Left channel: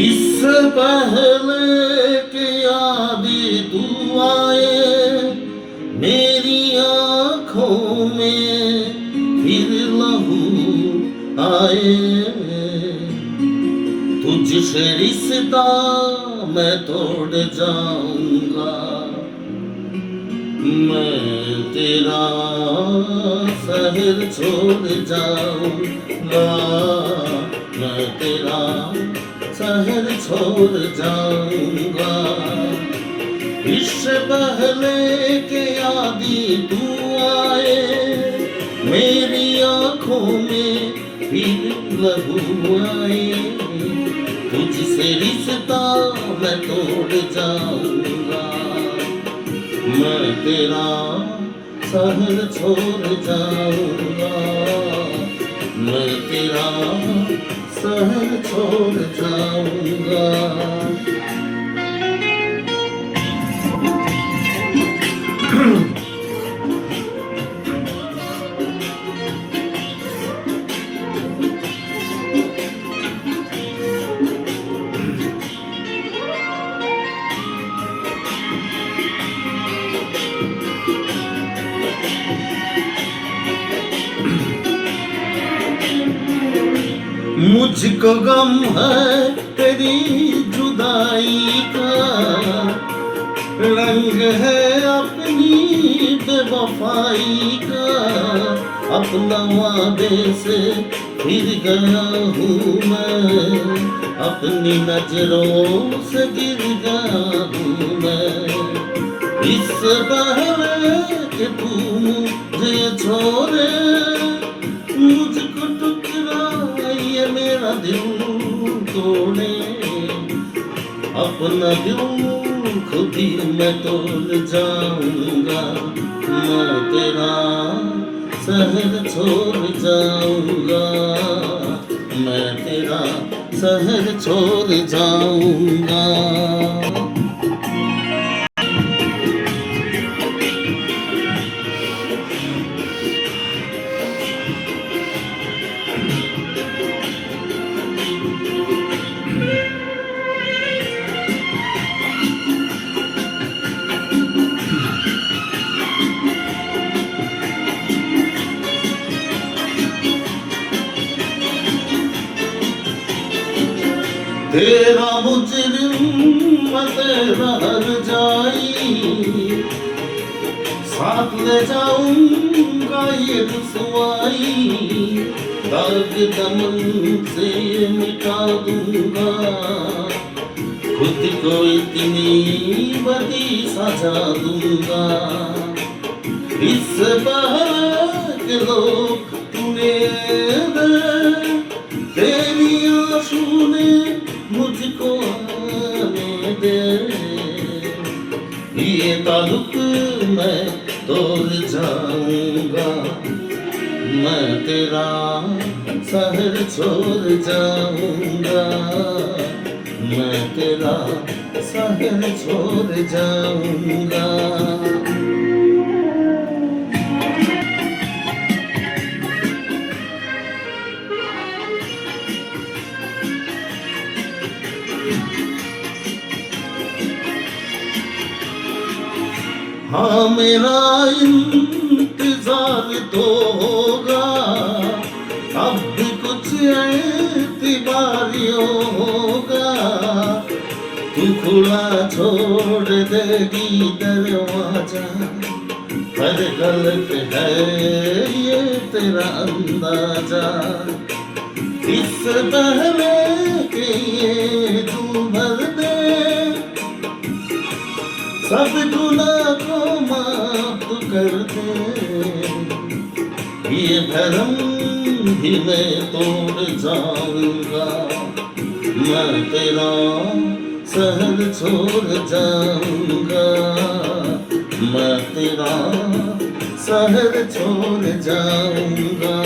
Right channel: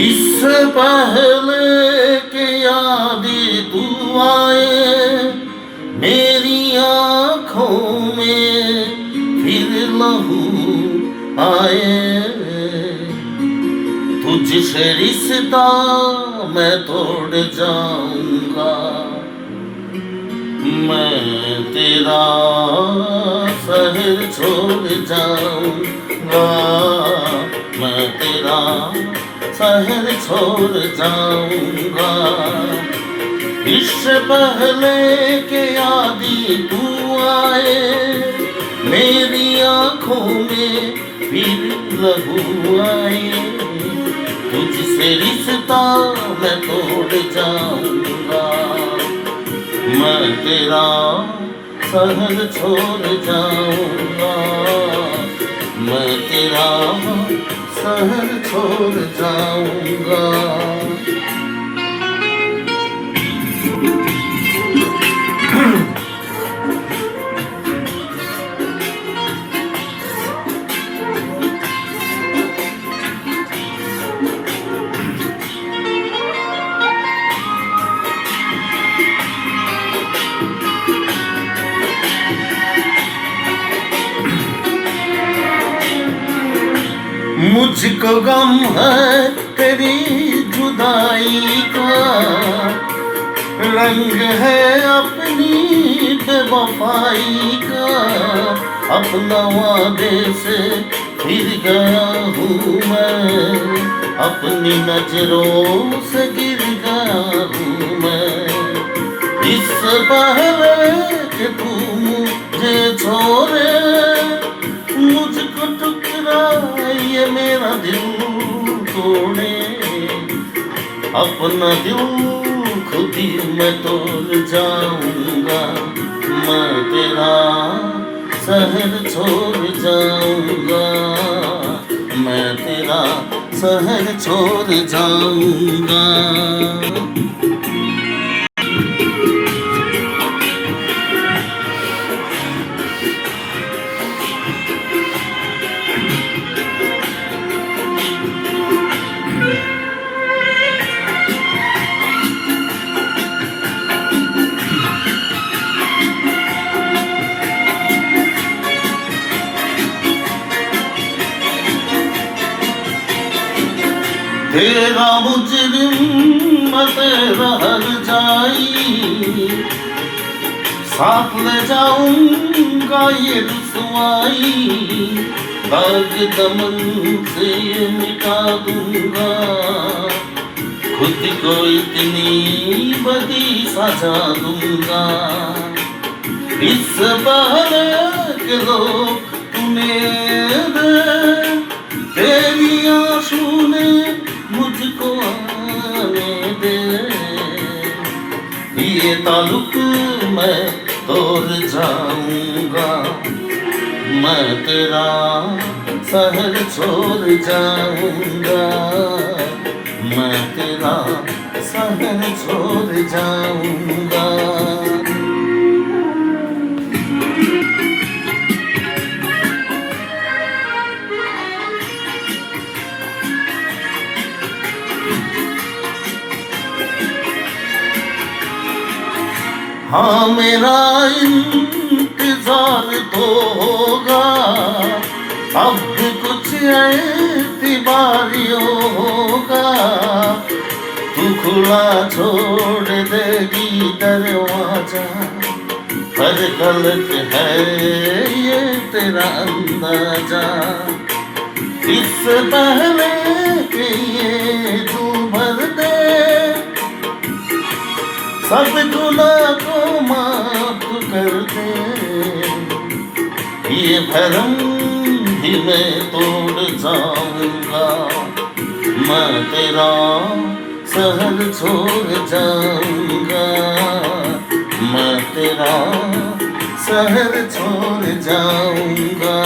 इससे पहले के यादें तू आए मेरी आँखों में फिर लहू आए। तुझसे रिश्ता मैं तोड़ जाऊंगा, मैं तेरा शहर छोड़ जाऊंगा, मैं तेरा शहर छोड़ जाऊंगा। इससे पहले के यादी तू आए मेरी आँखों में फिर लहू आए। तुझसे रिश्ता मैं तोड़ जाऊंगा, मैं तेरा शहर छोड़ जाऊंगा, मैं तेरा शहर छोड़ जाऊंगा। मुझको गम है तेरी जुदाई का, रंग है अपनी बेवफाई का। अपना वादे से फिर गया हूँ मैं, अपनी नजरों से गिर गया हूँ मैं। इससे पहले कि तू मुझे छोड़े मुझको टुकड़ा ये मेरा दिल तोड़े। अपना दिल खुद ही मैं तोड़ जाऊंगा, मैं तेरा शहर छोड़ जाऊंगा, मैं तेरा शहर छोड़ जाऊंगा। तेरा मुजरिम मैं तेरा हर जाई, साथ ले जाऊंगा ये रुसवाई। दाग दमन से मिटा दूंगा, खुद को इतनी बड़ी सजा दूंगा। इस पहले के लोग तुम्हें तेरी आंसू ने मुझको आने दे। ये ताल्लुक मैं तोड़ जाऊंगा, मैं तेरा शहर छोड़ जाऊंगा, मैं तेरा शहर छोड़ जाऊंगा। हाँ मेरा इंतजार तो होगा, अब कुछ एतबारियों होगा। तू खुला छोड़ देगी दरवाजा, पर गलत है ये तेरा अंदाजा। इससे पहले कि ये तू भर दे सब गुनाह को माफ कर दे। ये भरम भी मैं तोड़ जाऊंगा, मैं तेरा शहर छोड़ जाऊंगा, मैं तेरा शहर छोड़ जाऊंगा।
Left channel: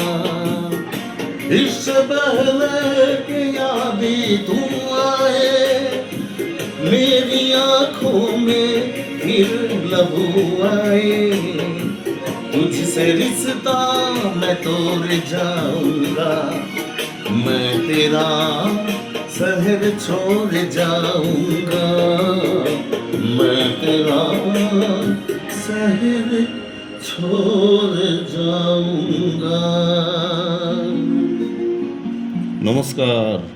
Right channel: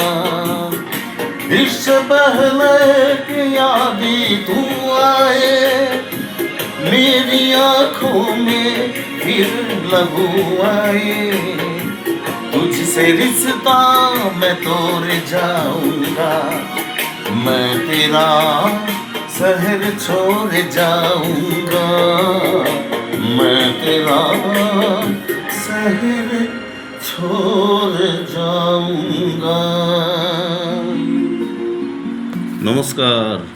इससे पहले कि यादी तू आए मेरी आँखों में फिर लहू आए। तुझसे रिश्ता मैं तोड़ जाऊंगा, मैं तेरा शहर छोड़ जाऊंगा मैं तेरा शहर छोड़ जाऊंगा। नमस्कार।